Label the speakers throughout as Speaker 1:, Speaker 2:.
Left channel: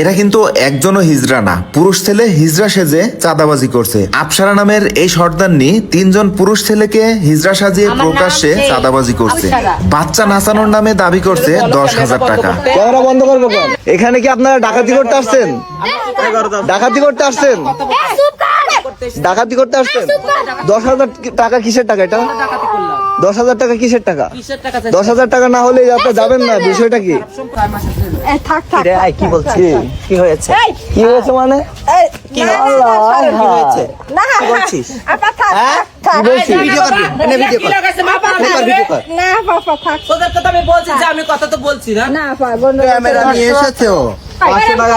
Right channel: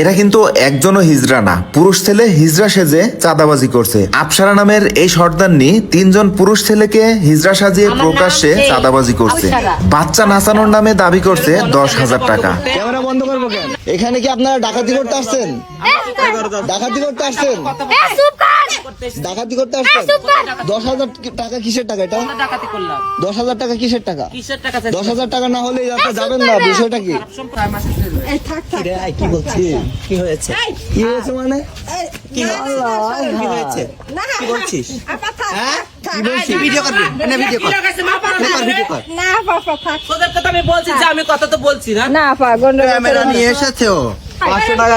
Speaker 1: এরা কিন্তু একজনও হিজড়া না। পুরুষ ছেলে হিজড়া সেজে চাঁদাবাজি করছে। আপসারা নামের এই সর্দারনি তিনজন পুরুষ ছেলেকে হিজড়া সাজিয়ে প্রকাশ্যে চাঁদাবাজি করছে। বাচ্চা নাচানোর নামে দাবি করছে দশ হাজার টাকা।
Speaker 2: ক্যামেরা বন্ধ করব এখানে কি আপনারা ডাকাতি করতে আসছেন? ডাকাতি করতে আসছেন? ডাকাতি করতে আসছেন? দশ হাজার টাকা কিসের টাকা এটা? দশ হাজার টাকা কিসের টাকা? দশ হাজার টাকা না হলে আপনি যাবেন না বিষয়টা কি? কি বলছি
Speaker 3: কি হয়েছে?
Speaker 2: কি হয়েছে মানে?
Speaker 3: কি হয়েছে? কি বলছিস?
Speaker 2: কি বলছি
Speaker 3: ভিডিও করবি এনে ভিডিও কর। ভিডিও কর।
Speaker 4: না পাপা থাক।
Speaker 3: তোদের কথা আমি বলছি যে আমি কথা তো বলছি না।
Speaker 4: না
Speaker 2: ক্যামেরা নিয়ে এসেছে। ও পাঁচশো টাকা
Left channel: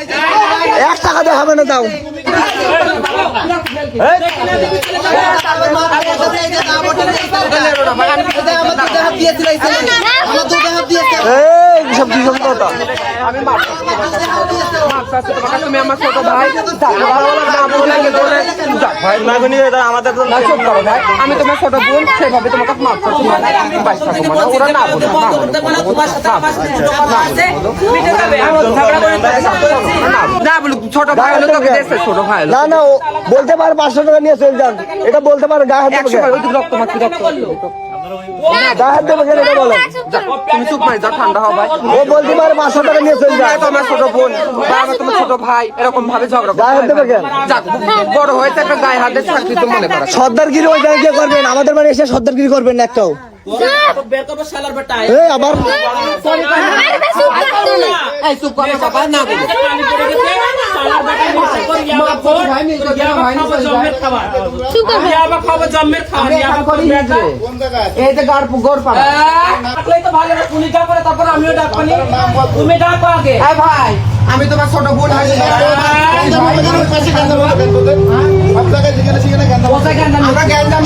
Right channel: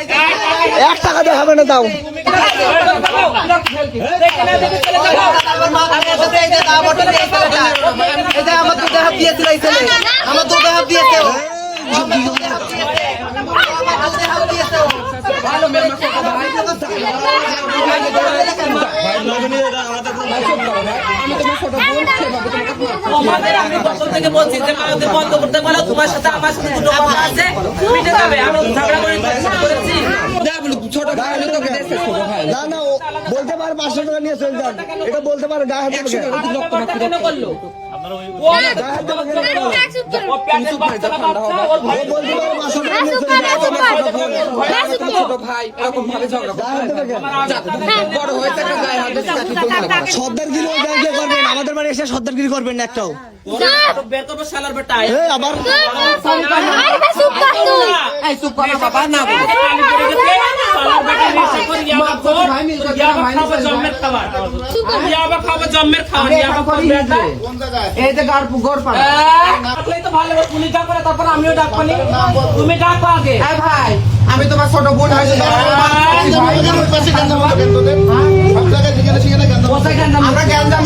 Speaker 2: এক টাকা দেখাবে না দাও আমার কি সব কথা?
Speaker 3: তোমার
Speaker 2: না না ও বলতে পারে পাঁচশো টাকা নিয়ে চলে যান এটা বলতে পারে গায়ে হাত কেন এটা ও বলতে পারে পাঁচশো টাকা নিয়ে চলে যান
Speaker 5: তোমার ছোট বোন বা আমার তোমার ছোট ভাই এরকম ভাবে ঝগড়া
Speaker 2: গায়ে হাত দেবে কেন
Speaker 5: যাক, বড় হয়েছে একটা গায়ে হাতে মনে করা
Speaker 2: সর্দারগিরি ওই জায়গায় করবেন আমাদের বাড়ি এসে সর্দারগিরি করবেন না একটাও আবার
Speaker 5: চুপ করো বাবা না
Speaker 3: বেটা
Speaker 5: এই যে গাড় গোড় পাড়া
Speaker 3: ডাকলেই তো ভালো তুমি ডাকলে তারপর আমিও ডাকবানি তুমি ডাকো আগে।
Speaker 5: ভাই আমি তোমার ছোট বোন।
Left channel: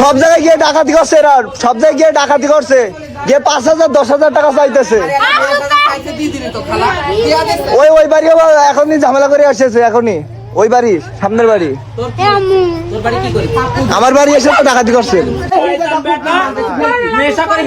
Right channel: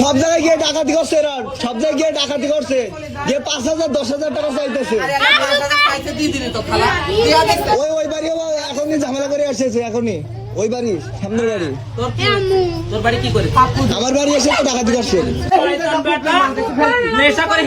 Speaker 2: সব জায়গায় গিয়ে ডাকাতি করছে এরা। সব জায়গায় গিয়ে ডাকাতি করছে। গিয়ে পাঁচ হাজার দশ হাজার টাকা চাইতেছে। ওই ওই বাড়িও এখনই ঝামেলা করে আসছে এখনই ওই বাড়ি সামনের বাড়ি। আমার বাড়ি এসে তো ডাকাতি করছে।
Speaker 3: বেটা নেশা করে